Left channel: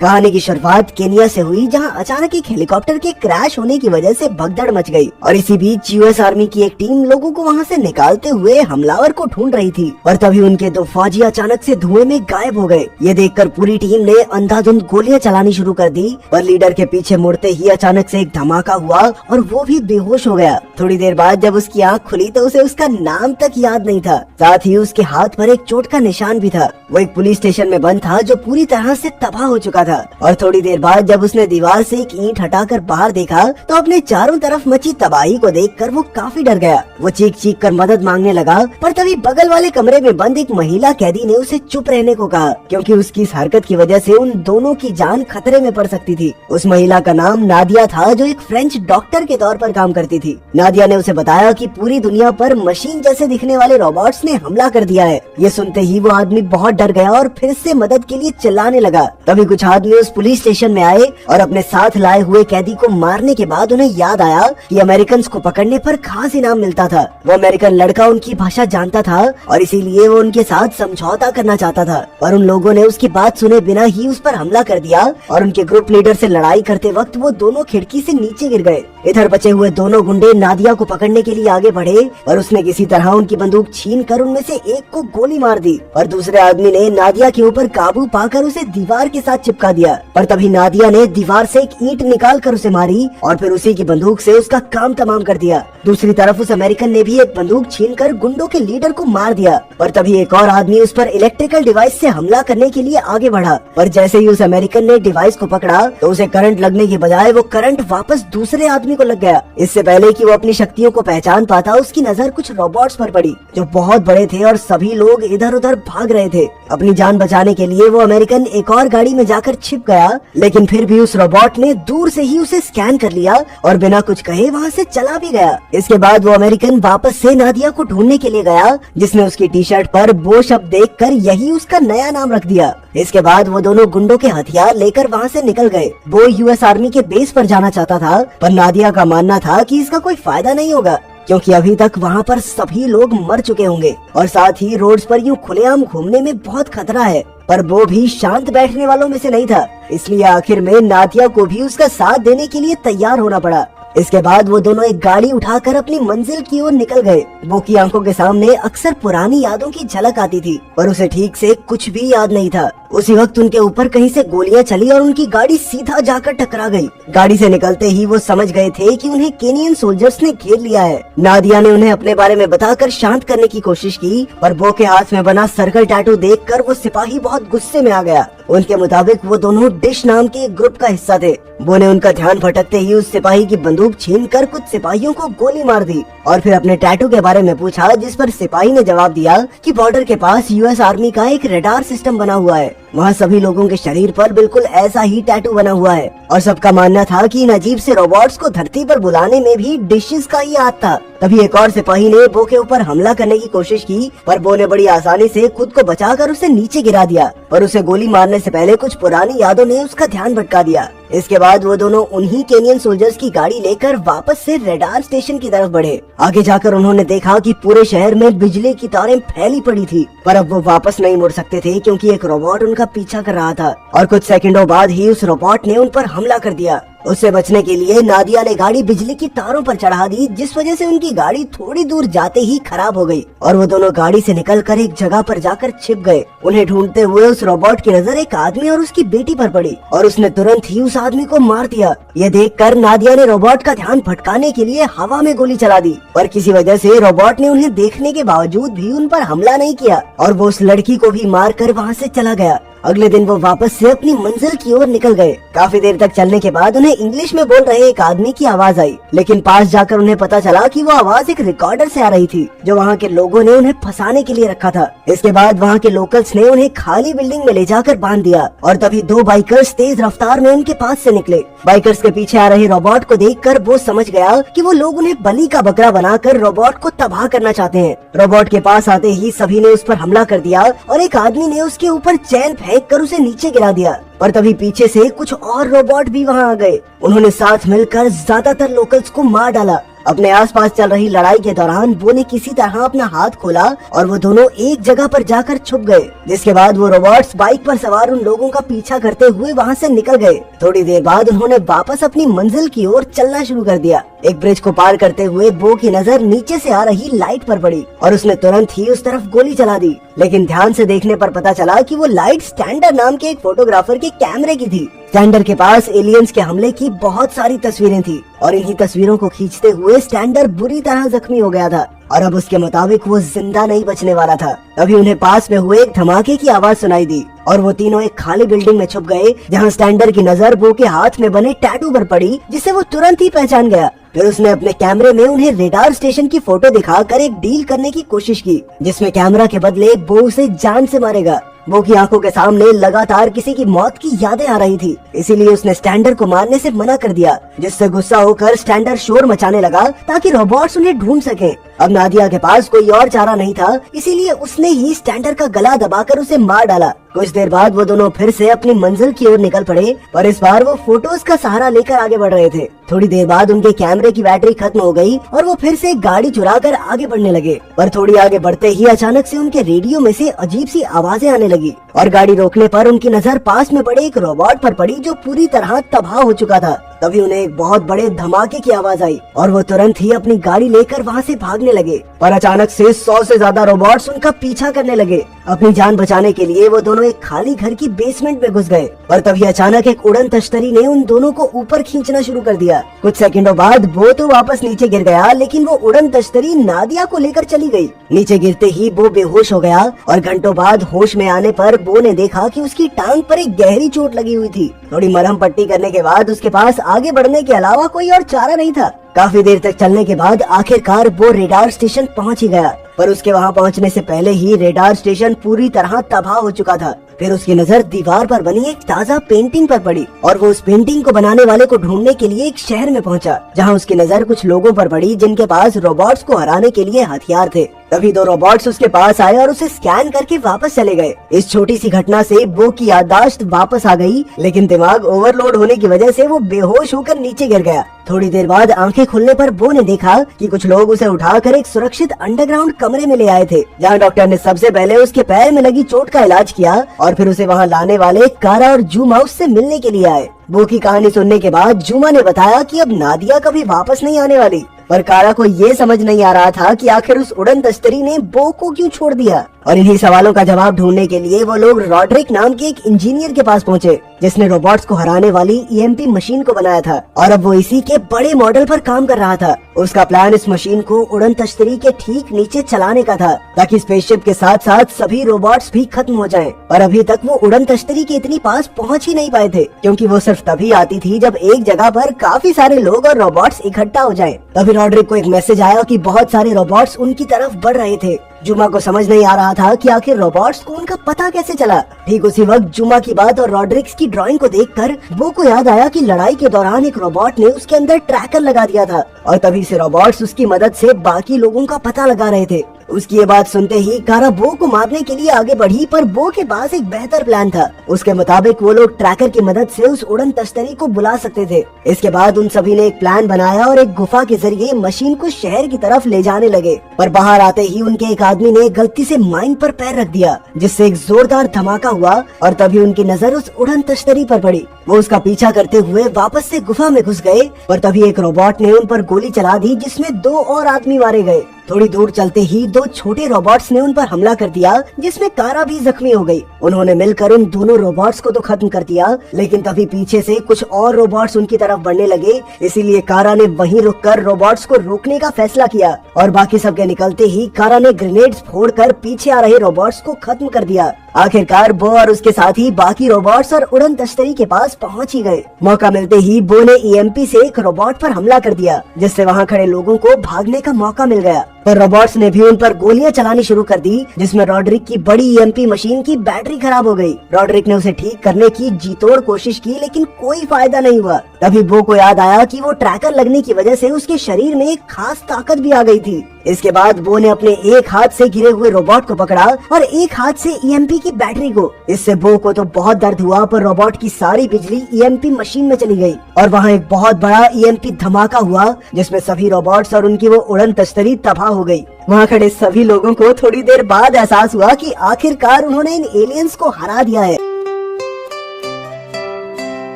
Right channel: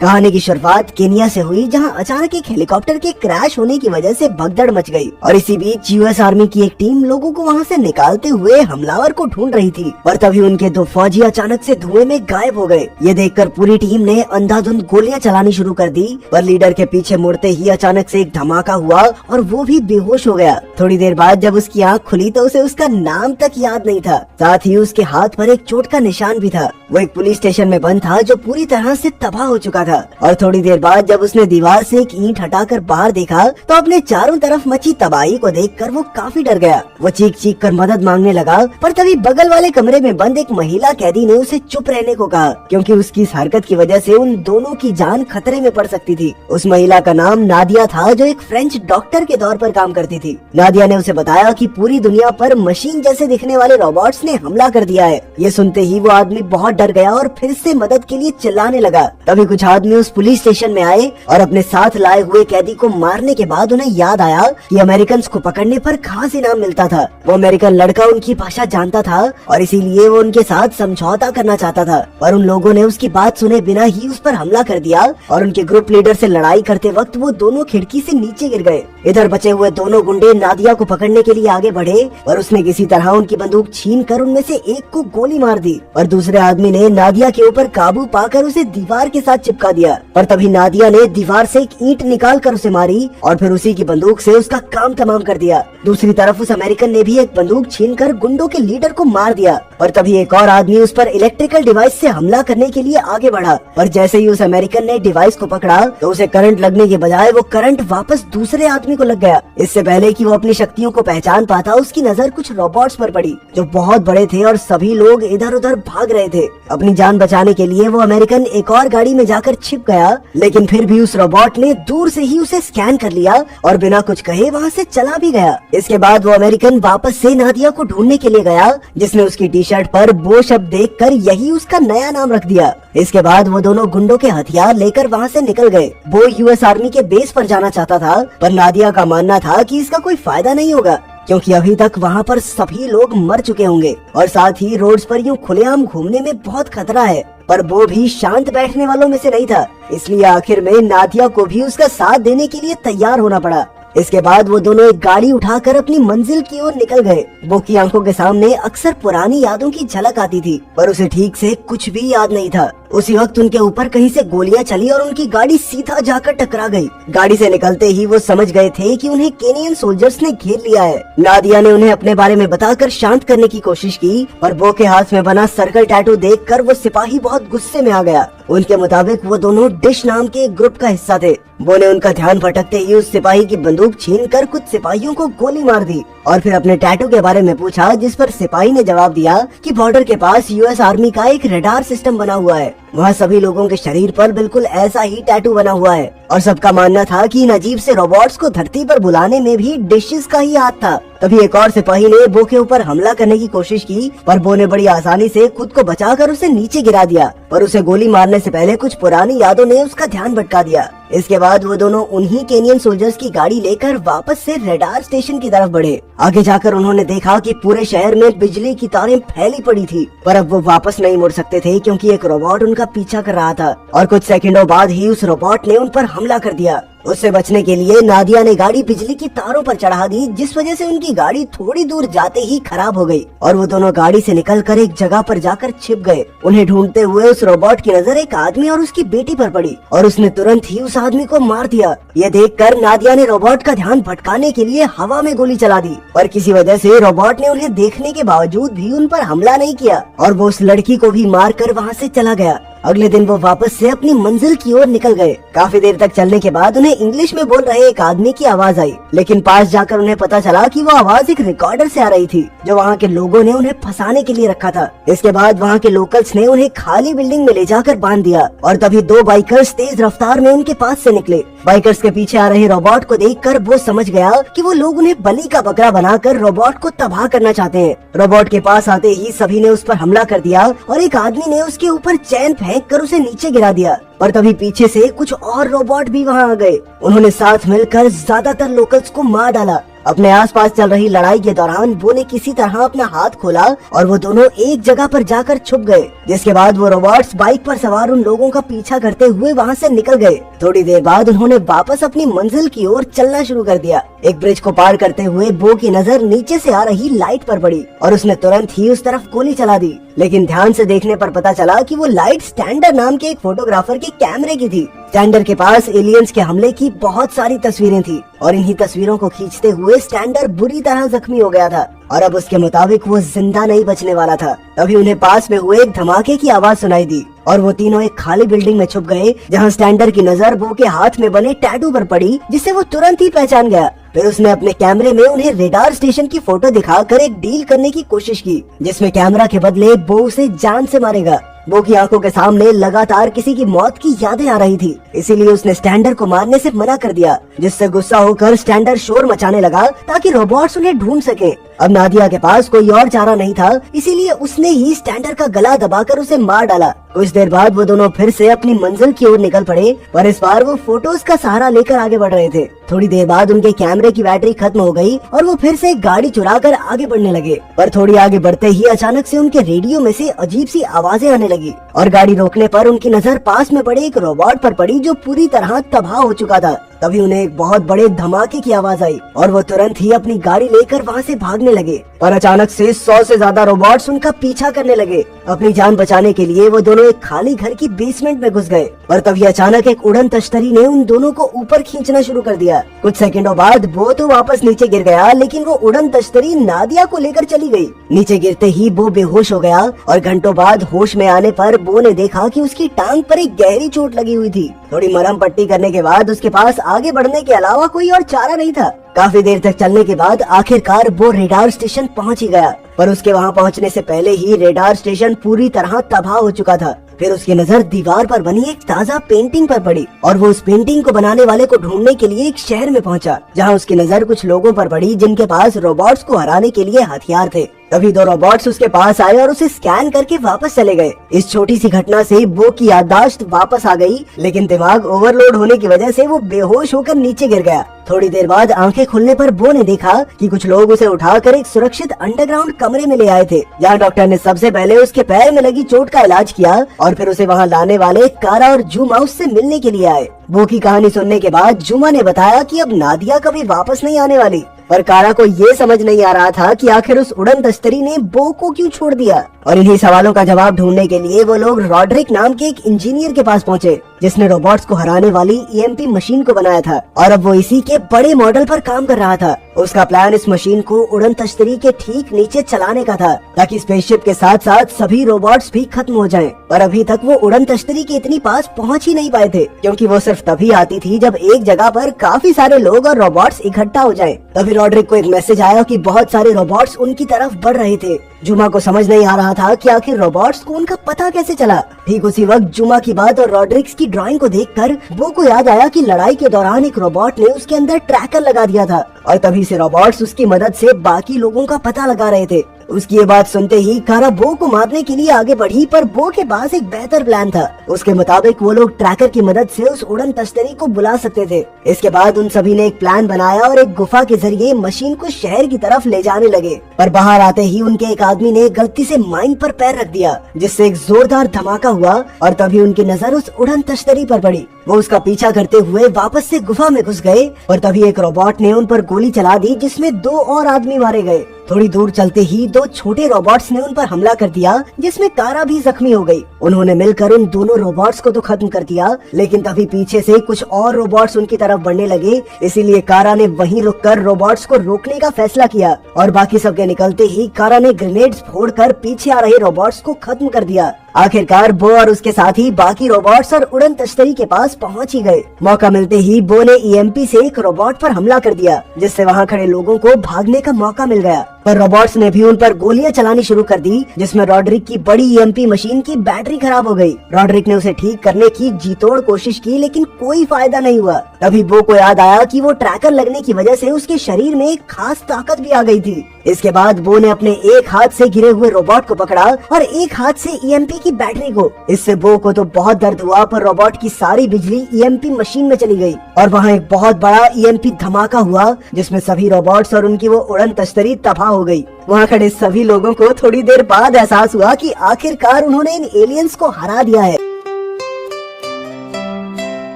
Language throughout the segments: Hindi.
कहानी की शुरुआत केनिया से हुई, जहां अचानक एक हेलीकॉप्टर के क्रैश होने की वजह से भगदड़ मच गई और इसी बीच यूएस आर्मी की एक टीम लोगों को वहां से निकालते हुए हमलावर को ढूंढ रही थी। पर तभी उनके दो फौजी अचानक से धुएं में गायब हो गए। ये देखकर पूरी टीम ने अंधाधुंध गोलियां चलानी शुरू कर दी, पर लीडर के पीछे मुड़ते ही अचानक से एक धमाका हुआ और वो भी बेहोश हो गया। थोड़ी देर बाद जब उसकी आँख खुली तो उसे उसका नाम तक याद नहीं था, साथ ही उसके हाथ पर एक चोट का निशान भी था। वो एक पुलिस स्टेशन में बंद था जो पूरी तरह से तबाह हो चुका था। और थोड़ी देर बाद जब उसने दीवार से एक ईंट हटाकर बाहर देखा तो अपने चारों तरफ मची तबाही को देखकर वो काफी डर गया। वो चीख चीख कर मदद मांगने लगा, पर तभी बगल वाले कमरे में बंद एक महिला कैदी ने उसे चुप रहने को कहा, क्योंकि उसकी इस हरकत की वजह से उन दोनों की जान खतरे में पड़ सकती थी। उस महिला का नाम नादिया था, जो एक फ्रेंच डॉक्टर के तौर पर काम करती थी। नादिया ने उसे बताया कि पूरी दुनिया पर मशीन जैसे दिखने वाले रोबोट्स ने हमला कर दिया है। ये सुनते ही वो आदमी बहुत डर गया और फिर से मदद के लिए चिल्लाने लगा। तभी कुछ आदमी उस पुलिस स्टेशन में आए और अपने साथ लाए हुए कैदी को मारने के बाद उन्हें याद आया कि अमेरिकन को पकड़ने पर खास इनाम मिलता था। वो अमेरिकन लड़का उनकी भाषा जानता था और इसीलिए वो उनके साथ समझौता करना चाहता था, और उन लोगों ने उसकी बात सुने बिना ही उस पर हमला कर दिया और उनके ग्रुप लीडर से लड़ाई करते वक्त वो दोनों खिड़की से नीचे गिर गए। इधर बचे हुए दोनों गुंडे नादिया को पकड़ने के लिए आगे बढ़े और उसने किसी तरह उनकी बंदूक छीन कर उनमें से एक को गोली मार दी और दूसरे आदमी ने नादिया के ऊपर काबू पाकर उसे दीवार के साथ चिपका दिया। पर तभी नादिया ने दीवार से एक ईंट निकाल कर उसे मारी और फिर उसी की बंदूक से उसका काम तमाम कर दिया। दूसरी तरफ उस अमेरिकन ने भी एक बंदूक छीनकर गुंडों के लीडर को मार दिया। और तभी एक और आदमी उस पर इलेक्ट्रिकल डिवाइस से हमला करने के लिए आगे बढ़ा, पर जैसे ही उस अमेरिकन ने डिवाइस को पकड़ा तो उसे करंट लगने के बजाय वो करंट वापस दूसरे आदमी को लग गया। इससे पहले कि वो अपनी शक्तियों को पहचान पाता, उसकी नजर कुछ रोबोट्स पर पड़ी जो बहुत बड़े थे और सभी लोग इधर उधर भाग रहे थे। अपनी जान बचाने के लिए वो अमेरिकन एक और गाड़ी में जाकर छिप गया, लेकिन फिर भी उस रोबोट ने दूर से ही उसे स्कैन कर लिया और बिना कुछ कहे वहाँ से चला भी गया। इसके बाद वो अमेरिकन वापस से नादिया को ढूंढने के लिए गया, जिसने उसकी टी शर्ट पर बो शब्द देखकर यही उसका नया नाम रख दिया। इसके बाद वो दोनों गुंडों के हथियार लेकर वहाँ से निकल गए। वो यूएस आर्मी के बेस पर जाना चाहता था, पर नादिया का मानना था कि इसका कोई फायदा नहीं होगा, क्योंकि अभी तक वहाँ पर सभी लोग मर चुके होंगे और साथ ही रोड्स पर यूँ खुलेआम घूमने में बहुत खतरा है। पर वो भी शांत बैठने वालों में से नहीं था, इसलिए आखिर में नादिया को भी उसका साथ देने के लिए तैयार होना पड़ा। इसके बाद वो दोनों एक गाड़ी उठाकर अपनी मंजिल की ओर निकल गए। वो की आंखों के सामने अक्सर पुरानी यादों की झलक आती थी, पर उसे ठीक से कुछ भी याद नहीं था। उसी वक्त उनके ऊपर कहीं से गोलियां चली और उनकी गाड़ी सीधा जाकर टकरा गई। गाड़ी से निकलते ही वो समझ गए थे कि उन्हें केनियन सोल्जर्स ने घेर लिया है। नादिया ने उन्हें अपने बारे में बताकर शांत करने की कोशिश की, पर बो के हाथ में बना सर्कल टैटू देखकर वो सिपाही बहुत गुस्से में आ गया। उनके मुताबिक वो दोनों डिश नाम के ग्रुप का हिस्सा थे। वो ने उनका ध्यान भटकते ही उस सिपाही की बंदूक छीनकर कुछ सिपाहियों को गोली मार दी और फिर अपने टैटू के बारे में पूछा, जिस पर सिपाही ने जवाब दिया कि बॉर्डर के पास यूएस आर्मी का एक रडार सिस्टम बना हुआ है। वहाँ सभी लोगों के शरीर पर बिल्कुल ऐसा ही टैटू बना हुआ है और सबका मानना था कि इन अजीब से रोबोट्स को धरती पर बुलाने में भी डिशेस का ही हाथ था। तभी एक और सिपाही ने बो के ऊपर हमला करने की कोशिश की, पर बो ने बड़ी आसानी से खुद को बचाकर उसे नीचे गिरा दिया और उसे गोली मारने से पहले कुछ पुरानी यादों ने उसका ध्यान भटका दिया। इसके बाद वो दोनों उन्हीं केनियन सोल्जर्स की गाड़ी लेकर वापस से रडार स्टेशन की तरफ बढ़े। आगे जाकर उन्होंने देखा कि पूरे शहर में बिजली की तारें फैली पड़ी थी, पर अब वो वापस नहीं मुड़ सकते थे क्योंकि एक रोबोट उनका पीछा कर रहा था और कुछ सेकंडों बाद ही उस रोबोट ने उन पर हमला कर दिया। उससे बचने के लिए नादिया ने गाड़ी बिजली की तारों पर चढ़ा दी, जिस वजह से उनकी गाड़ी थोड़ी दूर जाते ही खराब हो गई और वो दोनों गाड़ी से निकलकर एक जगह पर जाकर छिप गए। उन्हें ढूंढते हुए उस रोबोट की नजर एक आदमी और उसकी बेटी पर पड़ी और उसने तुरंत ही उस आदमी को मार दिया। ये देखकर नादिया ने रोबोट का ध्यान भटकाने के लिए हवा में गोली चला दी, पर किसी वजह से रोबोट ने उन्हें देखने के बावजूद भी उन पर हमला नहीं किया और वो उस लड़की को भी मार कर वहाँ से चला गया। अगले दिन वो वापस से अपनी मंजिल की ओर निकल गए। काफी देर तक चलने के बाद उन्हें इंग्लिश में बोल रहे एक आदमी की आवाज आई, लेकिन पास जाकर उन्हें पता चला कि वो आवाज एक रिकॉर्डर से आ रही थी जो वहाँ के लोगों ने उन्हें फंसाने के लिए रखा था। इसके बाद वहाँ के लोकल्स ने उन्हें खाली बिल्डिंग में ले जाकर बांध दिया और तभी दो बाइकर्स तेज रफ्तार में उनके पास से निकले। बाइकर्स के पीछे आ रहे रोबोट को देखकर वो समझ गया कि वो लोग उन्हें बलि का बकरा बनाकर रोबोट को तबाह करना चाहते हैं। रोबोट के पास आते ही सभी ने उस पर हमला कर दिया और एक आदमी ने उसके ऊपर चैन फेंक कर उसे नीचे गिरा दिया, पर तभी पीछे से कुछ और रोबोट भी वहाँ आ गए। उन्होंने साथ मिलकर ज्यादातर लोकल्स को मार डाला अपने आसपास चल रही लड़ाई के दौरान वो ने किसी तरह अपना हाथ खोला और वो दोनों एक जगह पर जाकर छुप गए, जिसके बाद वो रोबोट्स बाइक पर सवार उन लोगों का पीछा करते हुए वहाँ से निकल गए। थोड़ी देर बाद उन्होंने वापस अपनी मंजिल की ओर चलना शुरू कर दिया। एक ब्रिज को पार करते हुए बो की नजर नीचे से आ रही लाइट पर पड़ी और उसने तुरंत ही उस तरफ गोली चला दी, लेकिन ध्यान से देखने पर पता चला कि वो लाइट स्टैंडर नाम के एक फोटोग्राफर के कैमरे की थी। स्टैंडर के पास एलियंस के हमले की बहुत सारी तस्वीरें थी और इन्हीं तस्वीरों को खींचते हुए स्टैंडर बुरी तरह जख्मी हो गया था और अब उसके मुताबिक वो जिंदा नहीं बचने वाला था। तभी उन्हें पास में हुए एक धमाके की आवाज सुनाई दी और वो तीनों एक खाली बिल्डिंग में छुप गए, जहां स्टैंडर की नजर बो के हाथ में बने टैटू पर पड़ी, जिसे वो तुरंत ही पहचान गया। फिर उसने अपने कैमरे में उन्हें रेडार स्टेशन की फोटो दिखाकर एक डील करने की कोशिश की, जिसमें कैमरा के बदले बो उसे जान से मारेगा। बो की आंखों के सामने लगातार किसी की मौत की यादें आ रही थी, इसीलिए उसने स्टैंडर को मारने से मना कर दिया, जिससे गुस्सा होकर स्टैंडर शोर मचाने लगा ताकि रोबोट्स उन्हें ढूंढ सकें। अब नादिया के पास कोई और चारा नहीं था, इसीलिए उसने ही स्टैंडर का गला दबाकर उसे मार डाला। कुछ देर बाद वो दोनों फिर से अपनी मंजिल की ओर निकल पड़े, पर इस बार वो फोटोज का सहारा लेकर आगे बढ़ रहे थे। थोड़ी देर बाद उनके कैमरे की बैटरी खत्म हो गई और वो फिर से गाड़ी चुराकर आगे बढ़ने लगे, पर थोड़ी आगे बढ़ते ही अचानक से उनके रेडियो में से अजीब सी आवाजें आने लगी और गाड़ी रोकने पर उनकी नजर पास में पड़े एक रोबोट पर पड़ी, जो पूरी तरह तबाह हो चुका था। तभी उन्हें एक बहुत बड़े धमाके की आवाज आई और वो तुरंत ही अपनी गाड़ी लेकर वहाँ से भागने लगे, पर अचानक से 100 से ज्यादा रोबोट्स उनका पीछा करने लगे। अपनी जान बचाने के लिए वो दोनों एक खाली घर की बेसमेंट में घुस गए, पर तभी अचानक एक उड़न तश्तरी ने उन दोनों को ऊपर खींचना शुरू कर दिया। कुछ सेकंडों बाद बो तो वापस नीचे गिर गया, लेकिन वो उड़न तश्तरी नादिया को लेकर चली गई। नीचे गिरते ही बो बेहोश हो गया और घंटों बाद होश में आने पर बो ने देखा कि उसकी टांग पर एक गहरी चोट लगी हुई थी। थोड़ी मरहम पट्टी करने के बाद उसके पास आगे बढ़ने के अलावा कोई और चारा नहीं था। काफी देर तक चलने के बाद आखिरकार वो रेडार स्टेशन पहुंच ही गया, पर उसके वहां पहुंचने से पहले ही रेडार स्टेशन पूरी तरह तबाह हो चुका था। फिर उसकी नजर दीवार पर बनी एक ताजा पेंटिंग पर पड़ी और वो उस पेंटिंग को बनाने वाले को ढूंढने के लिए एक शहर में पहुंचा, जहां उसकी नजर कुछ लोगों पर पड़ी जिनके पास रोबोट्स को हराने के लिए हथियार थे। तभी दो रोबोट्स उसके पास आए और उसे स्कैन करके वापस चले गए। इस छोटी सी घटना से बो की याददाश्त वापस आ गई, लेकिन दिमाग ओवरलोड होने की वजह से वो बेहोश होकर नीचे गिर गया। थोड़ी देर बाद आंखें खुलने पर बो ने देखा कि कुछ लोग उसे उठाकर एक सुरक्षित अंडरग्राउंड कमरे में ले आए थे, जहां डॉक्टर ने सबसे पहले उसके पैर में लगी चोट का इलाज किया और फिर उसे वहां लाने वाले कारा और जूमा उससे मिलने के लिए आए। बो की कहानी सुनने के बाद जूमा ने बताया कि अब नादिया कभी वापस नहीं आने वाली, पर कारा को ये समझ नहीं आ रहा था कि आखिर उस उड़न तश्तरी ने बो को क्यों छोड़ दिया। और इन्हीं सवालों का जवाब ढूंढने के लिए वो लोग रॉड्रिक नाम के एक इंजीनियर के पास पहुंचे, जिसने रोबोट्स को हराने वाली ईएमपी मशीन को बनाया था और अब वो इसी के बड़े मॉडल पर काम कर रहा था। उसका प्लान इस मशीन को उड़न तश्तरी के ठीक नीचे चलाने का था, ताकि स्पेसशिप के साथ साथ सभी रोबोट्स भी खत्म हो जाएं। और अभी तक वो उड़न तश्तरी के इतनी पास पहुंच ही नहीं पाए थे, क्योंकि वो सिर्फ तभी आती थी जब एक जगह पर काफी सारे लोग और रोबोट्स इकट्ठा हो जाएं। तभी रॉड्रिक को एक मैसेज आया कि बहुत सारे रोबोट्स उनकी तरफ बढ़ रहे थे। जुमा को समझ नहीं आ रहा था कि आखिर रोबोट्स को उनका पता कैसे चला। ठीक उसी वक्त जुमा की बात और रॉड्रिक्स की ड्राइंग को देखकर वो को याद आया कि लड़ाई के दौरान एक रोबोट ने उसके अंदर ट्रैकर लगा दिया था और तभी से रोबोट्स उसकी मदद से बाकी लोगों का पता लगा रहे थे। उसकी ये बात सुनते ही कारा बो को मारने के लिए आगे बढ़ी, पर बो के पास एक बेहतर प्लान था। उसके मुताबिक वो लोग ट्रैकर की मदद से उस उड़न तश्तरी को बुला सकते थे। इसके बाद उन सभी ने एक प्लान बनाया और एक गुफा के जरिए मशीन को शहर की तरफ ले जाने लगे, पर बाहर आते ही उनके एक आदमी ने गलती से माइन पर पैर रख दिया, जिससे एक जोरदार धमाका हुआ और तभी उनकी नजर उस उड़न तश्तरी पर पड़ी। वो उसका पीछा करते हुए वापस से गुफा में घुस गए, पर तभी एक रोबोट ने उन पर गोली चला दी, जिसमें 2 और आदमी मारे गए। थोड़ी दूर चलते ही 2 छोटे रोबोट्स ने उन पर हमला कर दिया, जिसमें कारा भी जख्मी हो गई। उन्होंने मिलकर इन दोनों रोबोट्स को तो खत्म कर दिया, लेकिन तभी पीछे से कुछ और रोबोट्स उनकी तरफ बढ़ने लगे। इसीलिए कारा ने वहीं रुककर रोबोट्स को रोकने का फैसला किया और बाकी सबके निकलते ही कारा ने ग्रेनेड्स फोड़कर पीछे आ रहे रोबोट्स को खत्म कर दिया। आखिरकार बो और उसके साथी बाकी रोबोट्स और उड़न तश्तरी के पास पहुंच ही गए। मौका मिलते ही बो ने ईएमपी से एक रोबोट पर हमला कर दिया, जिससे वहां खड़े लोगों को भागने का मौका मिल गया। और रोबोट्स ने भी उन पर गोलियां चलानी शुरू कर दी, जिसमें रॉड्रिक की बड़ी ईएमपी मशीन की बैटरी खराब हो गई। रॉड्रिक ने उसे ठीक करने की जी तोड़ कोशिश की, लेकिन कोई फायदा नहीं हुआ। तभी बो को याद आया कि वो ट्रैकर लगने की वजह से उसके शरीर में एक खास ताकत भी आ गई थी। इसके बाद बो ने अपने एक हाथ से गिरे हुए रोबोट को पकड़ा और एक हाथ से ईएमपी की बैटरी को। इससे बो को तो बहुत दर्द हुआ, पर रोबोट की सारी बिजली ईएमपी मशीन में चली गई और वहाँ एक बहुत बड़ा ईएमपी धमाका हुआ, जिसमें सभी रोबोट्स और उनकी वो उड़न तश्तरी तबाह हो गई। वहाँ खड़े सभी लोगों को थोड़ी देर बाद एहसास हुआ कि आखिरकार उन्होंने इन एलियंस को हरा दिया है।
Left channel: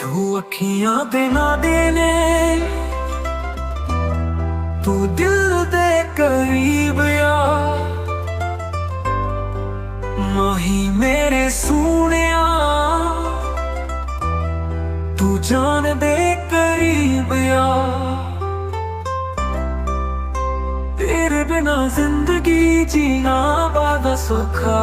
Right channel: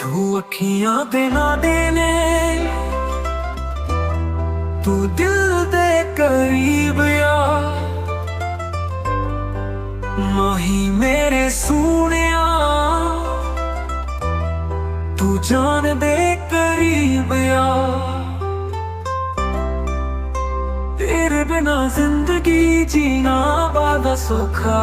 तू अखियां दे ना देने, तू दिल दे करीब या माही मेरे सूनिया, तू जान दे करीब या। तेरे बिना जिंदगी जीना बड़ा सौखा,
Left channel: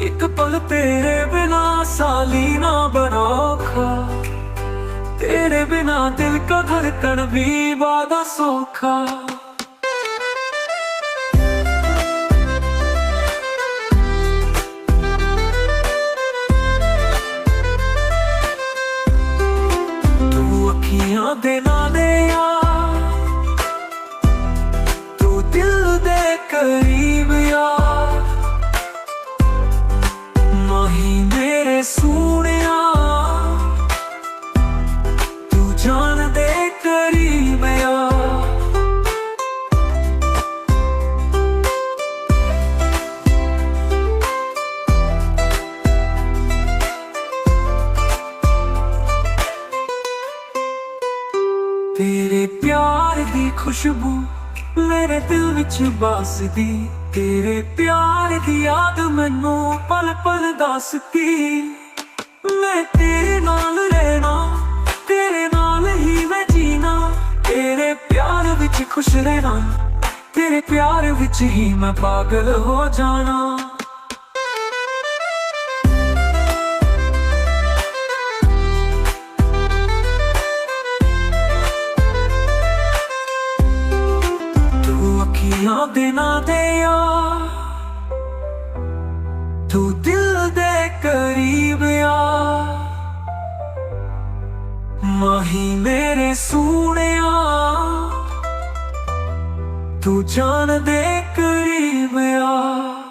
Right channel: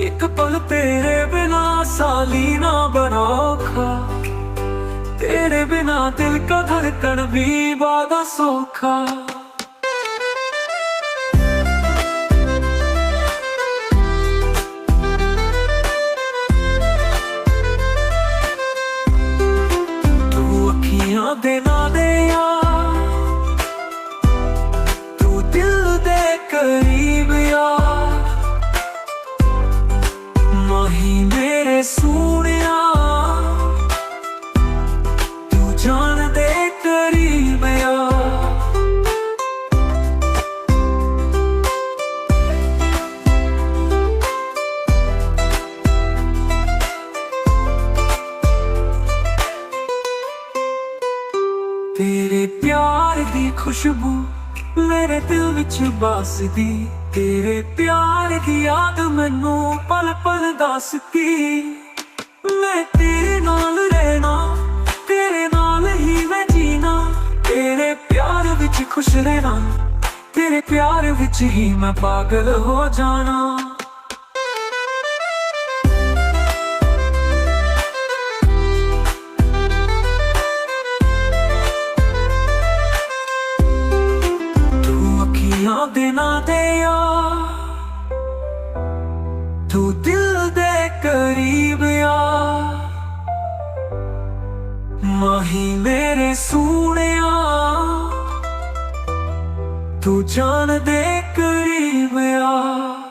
एक पल तेरे बिना साली ना बनोखा, तेरे बिना दिल का धड़कन भी बड़ा सौखा। तू अखियां दे ना दे यार, तू दिल दे करीब यार, माही मेरे सूनिया, तू जान दे करीब यार। तेरे प्यार दी खुशबू मेरे दिल विच बसदी, तेरे प्यार दी याद मैनू पल पल दसदी। मैं तेरे नाल रहना, तेरे नाल ही मैं जीना, तेरे प्यार विच खुश रहना, तेरे प्यार विच ही मैं पागल हो जाना। दे ना दे यार, तू दिल दे करीब यार, माही मेरे सूनिया, तू जान दे करीब यार।